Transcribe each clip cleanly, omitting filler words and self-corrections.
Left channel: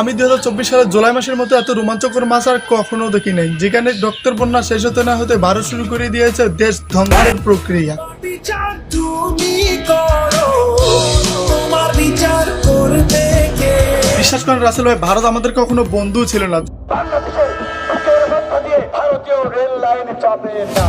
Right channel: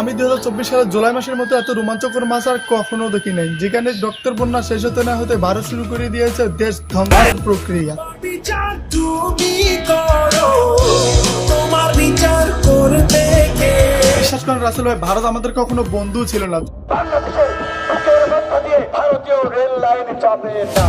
আমি 2024 সালের জুলাই মাসের মতো এত রোমাঞ্চকর মাস আর কখনো দেখি নাই, যেখানে রক্তের বন্যা শেষ হতে না হতে ভারত শুরু করে দিয়েছে দেশ ধ্বংসের প্রক্রিয়া। বিচার তুমি করো, তোমার বিচার করবে কে? বিশ্বাস করেন রাসেল ভাই, ভারত আমাদের কখনো বন্ধু ছিল না। বাংলাদেশের বুকের মধ্য দিয়ে ভারতীয় রেল লাইন যাবে না।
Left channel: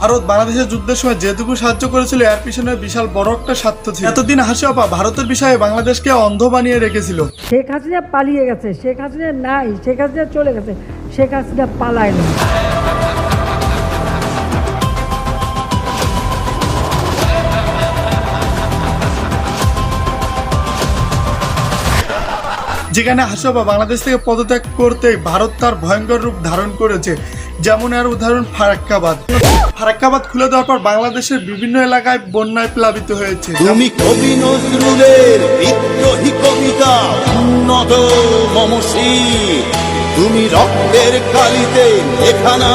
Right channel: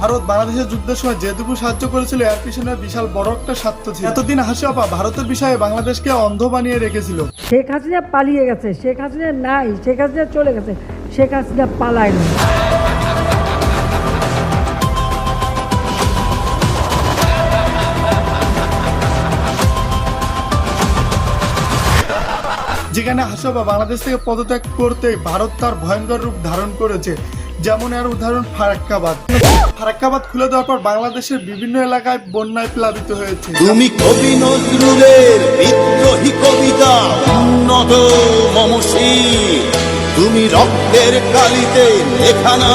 ভারত বাংলাদেশের যুদ্ধের সময় যেটুকু সাহায্য করেছিল এর পিছনে বিশাল বড় একটা স্বার্থ ছিল। এতদিন হাসি আপা ভারতের বিষয়ে বাংলাদেশকে অন্ধ বানিয়ে রেখেছিল। শেখ হাসিনা পালিয়ে গেছে, শেখ হাসিনা নাই, শেখ হাসিনা চলে গেছে, শেখ হাসিনা পালায় না। যেখানে হাসি আপা বাংলাদেশ থেকে পদত্যাগ করতে ভারত তার ভয়ঙ্কর রূপ ধারণ করেছে। যেমন এর উদাহরণ ফারাক্কাবাদ। ফারাক্কাবাদ খুলে দেওয়ার পর বাংলাদেশের বিভিন্ন এলাকায় বন্যায় প্লাবিত হয়েছে। তুমি কবি নজরুলের বিদ্রোহী কবিতা উন্নত মমশীর, তুমি রক্তের কালিতে লেখা না।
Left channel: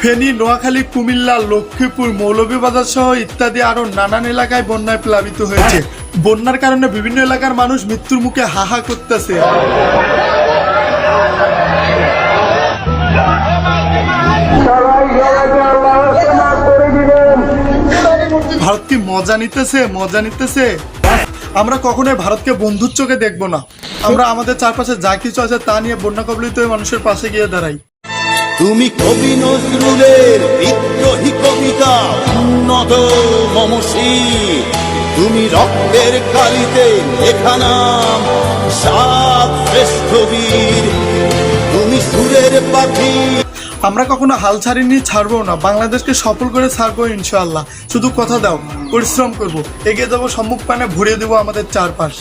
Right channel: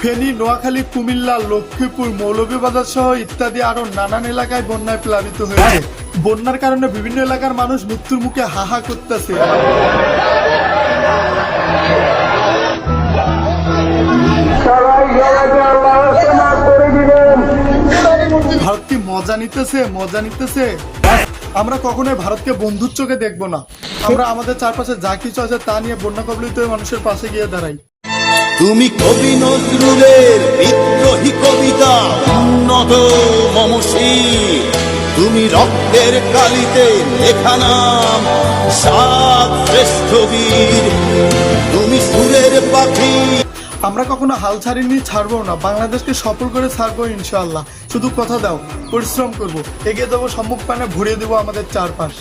ফেনী, নোয়াখালী, কুমিল্লা, লক্ষ্মীপুর, মৌলভীবাজার সহ ইত্যাদি আরো নানান এলাকায় বন্যায় প্লাবিত হয়েছে। বন্যার কারণে বিভিন্ন এলাকার মানুষ মৃত্যুর মুখে হাহা করতেছে। ভারত কি মজা নিতেছে, মজা নিতেছে। আমরা কখনোই ভারতকে বন্ধুর চোখে দেখবো না। আমরা আমাদের চারপাশে যা কিছু আছে তা নিয়ে বন্যা কবলিত হয়ে মানুষের পাশে গিয়ে দাঁড়াই। তুমি কবি নজরুলের বিদ্রোহী কবিতা উন্নত মমশীর, তুমি রক্তের কালিতে লেখা নাম সাত শ্রেষ্ঠ বীর, তুমি সুরের পাখি। আমরা কখনো হাল ছাড়িনি, ছাড়বো না। বাংলাদেশকে সফল করে ছাড়বো ইনশাআল্লাহ। শুধু কথা দাও, পরিশ্রম করবো, এগিয়ে যাবো, সম্মুখ পানে ভরিয়ে দেবো আমাদের চারপাশ।